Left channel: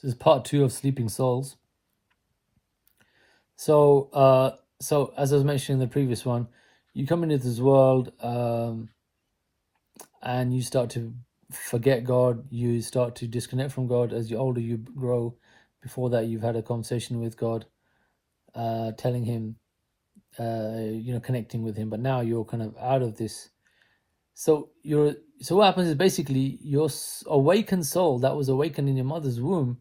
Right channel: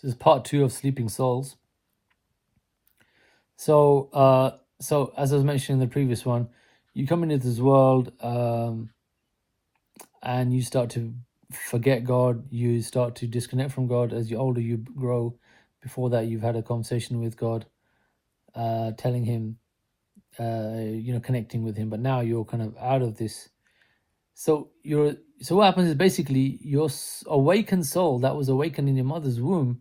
This is part 2 of Sleeping Souls. So as I was mentioning in the previous one, you come into this world and you start to forget God. You start to disconnect from God. As you're older, you grow. Before that, you've had a conversation with God, telling Him, connecting with Him. But now you're kind of out of this. So what happens is basically your awakened soul that was awakened in your mother's womb,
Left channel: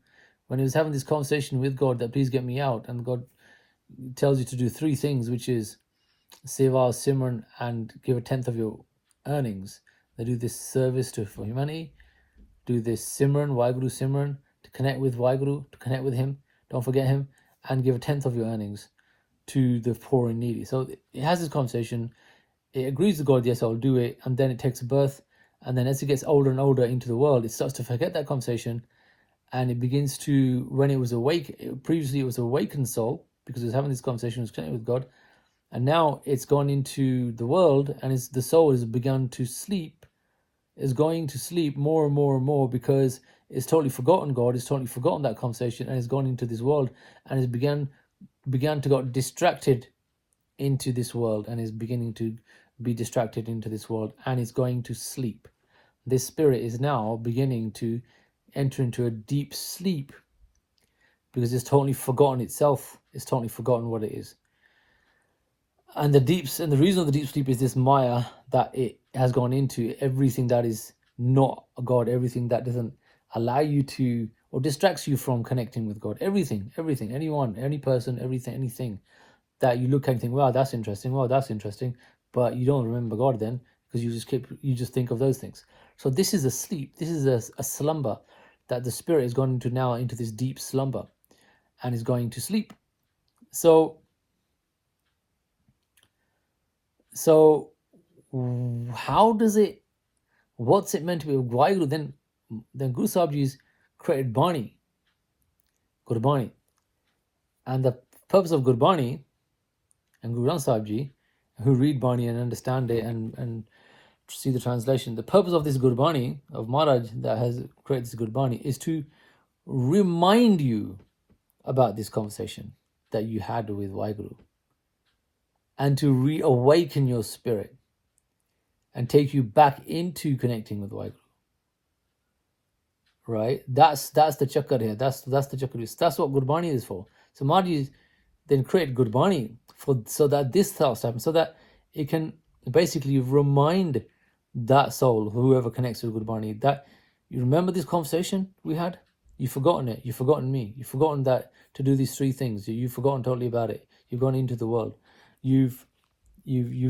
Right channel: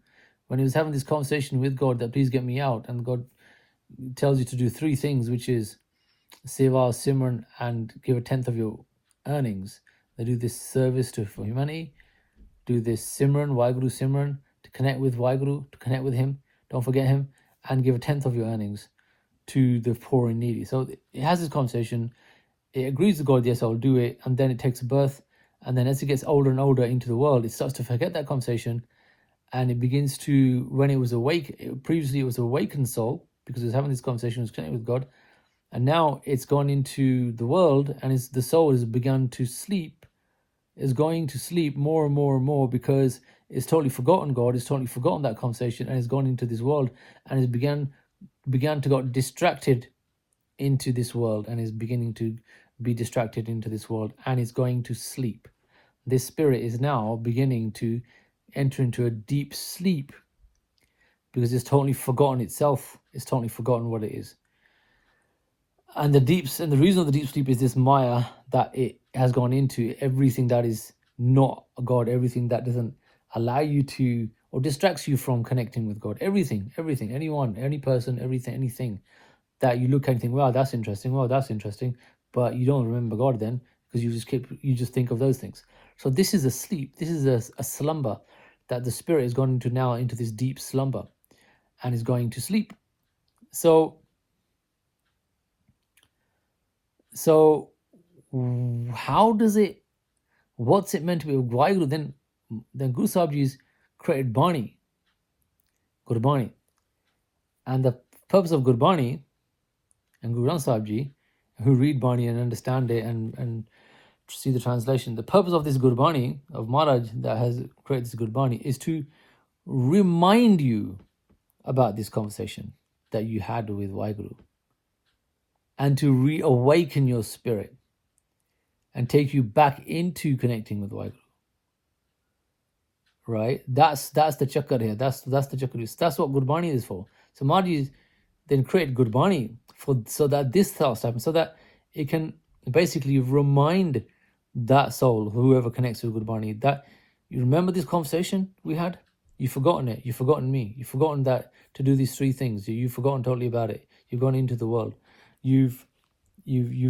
when he was having this conversation with God that please get me out, and God tells you to do 3 things, which is Seva, Simran, and give a tenth of your earnings. They do this service for humanity, do this Simran, Waheguru Simran, to connect with Waheguru, to connect with Him, don't forget Him, and give a tenth of your earnings to the poor and needy. So it has this conversation, it agrees with God, yes, I'll do it, and then it takes birth, and then as it gets older and older into the world, it starts to forget that conversation, and it begins to, when it was awake, previously it was awakened soul, because it was having this conversation, it was connected with God, and now it's gone into the world, and the soul has begun to sleep, is going to sleep more and more and more, because it's totally forgotten God, it's totally forgotten that conversation, and it's gone into this world, and it's began to get distracted into this world, and is beginning to be distracted into this world, and is going to sleep. This spirit is now beginning to enter into a deep sleep, because it's totally forgotten itself, it's totally forgotten what it is. And the reason of the deep sleep is this Maya that it has gone into, everything that is not God, everything that doesn't allow you to, or distracts you from connecting with God, everything, anyone, any person, anything that you look at and think, wow, that's interesting, but you don't remember God then, because you just think of those things. So this is a sleep, this is a slumber that the spirit has gone into now, into this deep slumber, and is going to sleep. So how does it, what's it meant to be? Waheguru then Guru Sahib Ji's created Bani, Gurbani, and the purpose of Gurbani, and Guru Granth Sahib Ji, who read Bani and understand it and see the translation, the purpose of this Gurbani of Maharaj that has created this Gurbani is to remind you about this conversation that you had with Waheguru, and to reawaken your spirit and take you back into connecting with Waheguru. Right? That's the chakra here. That's the chakra. That's what Gurbani is for. So Maharaj then create Gurbani so that this starts to happen, so that it can basically remind that soul, whoever connects with Gurbani, that you remember this conversation we had? You've forgotten it. You've forgotten me. You've forgotten that to do these 3 things. You've forgotten totally about it. You've gone into the world. You've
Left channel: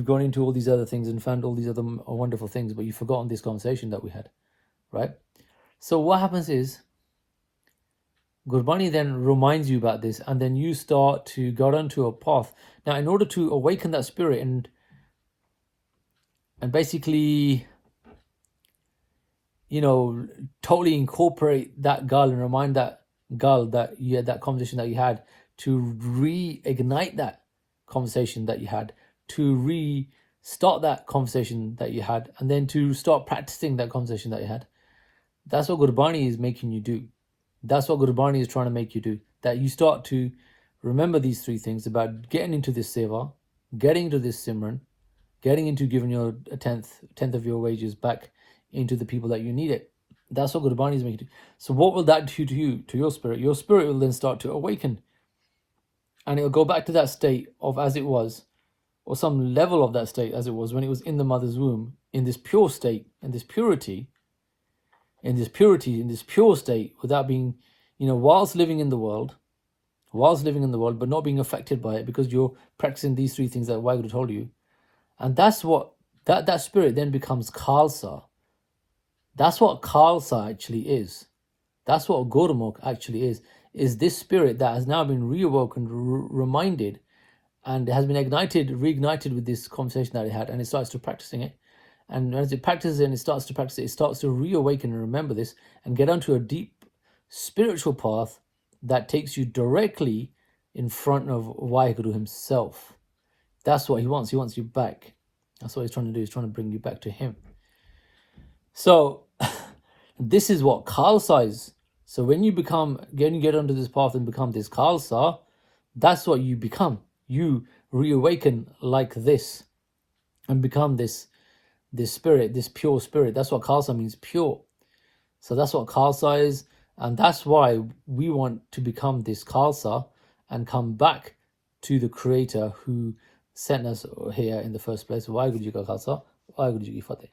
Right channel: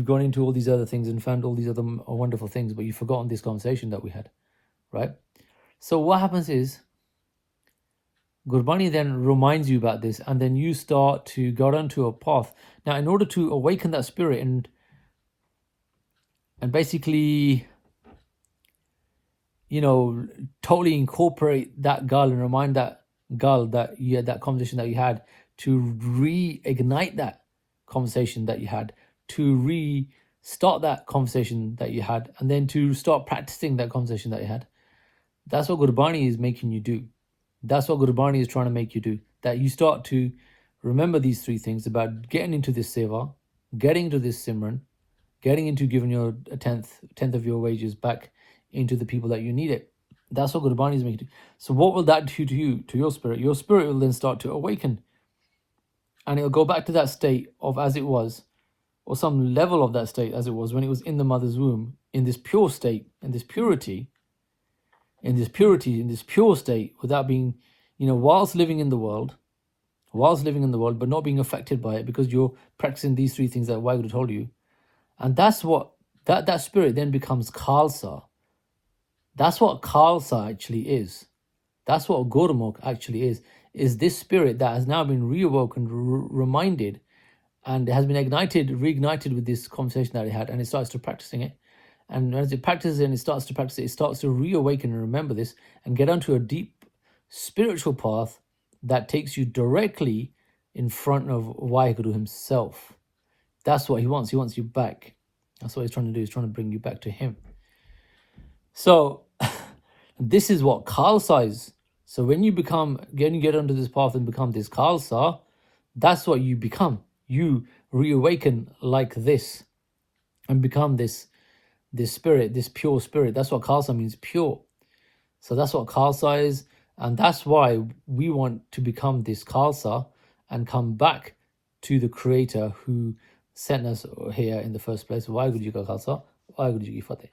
gone into all these other things and found all these other wonderful things, but you've forgotten this conversation that we had, right? So what happens is, Gurbani then reminds you about this, and then you start to go onto a path. Now, in order to awaken that spirit and basically, totally incorporate that gal and remind that gal that you had that conversation that you had, to reignite that conversation that you had, to restart that conversation that you had, and then to start practicing that conversation that you had. That's what Gurbani is making you do. That's what Gurbani is trying to make you do. That you start to remember these 3 things about getting into this seva, getting into this Simran, getting into giving your a tenth of your wages back into the people that you need it. That's what Gurbani is making you do. So what will that do to you, to your spirit? Your spirit will then start to awaken, and it will go back to that state of as it was, or some level of that state as it was when it was in the mother's womb, in this pure state, in this purity, in this pure state, without being, whilst living in the world, but not being affected by it, because you're practicing these 3 things that Waheguru told you. And that's what, that spirit then becomes Khalsa. That's what Khalsa actually is. That's what Gurmukh actually is this spirit that has now been reawoken, reminded, and has been reignited with this conversation that it had, and it starts to practicing it. And as it practices and it starts to practice it, it starts to reawaken and remember this, and get onto a deep spiritual path that takes you directly in front of Waheguru himself. That's what he wants. He wants you back. That's what he's trying to do. He's trying to bring you back to him. So this is what Khalsa is. So when you get onto this path and become this Khalsa, that's what you become. You reawaken like this and become this spirit, this pure spirit. That's what Khalsa means, pure. So that's what Khalsa is, and that's why we want to become this Khalsa and come back to the Creator who sent us here in the first place. Waheguru Ji Ka Khalsa, Waheguru Ji Ki Fateh.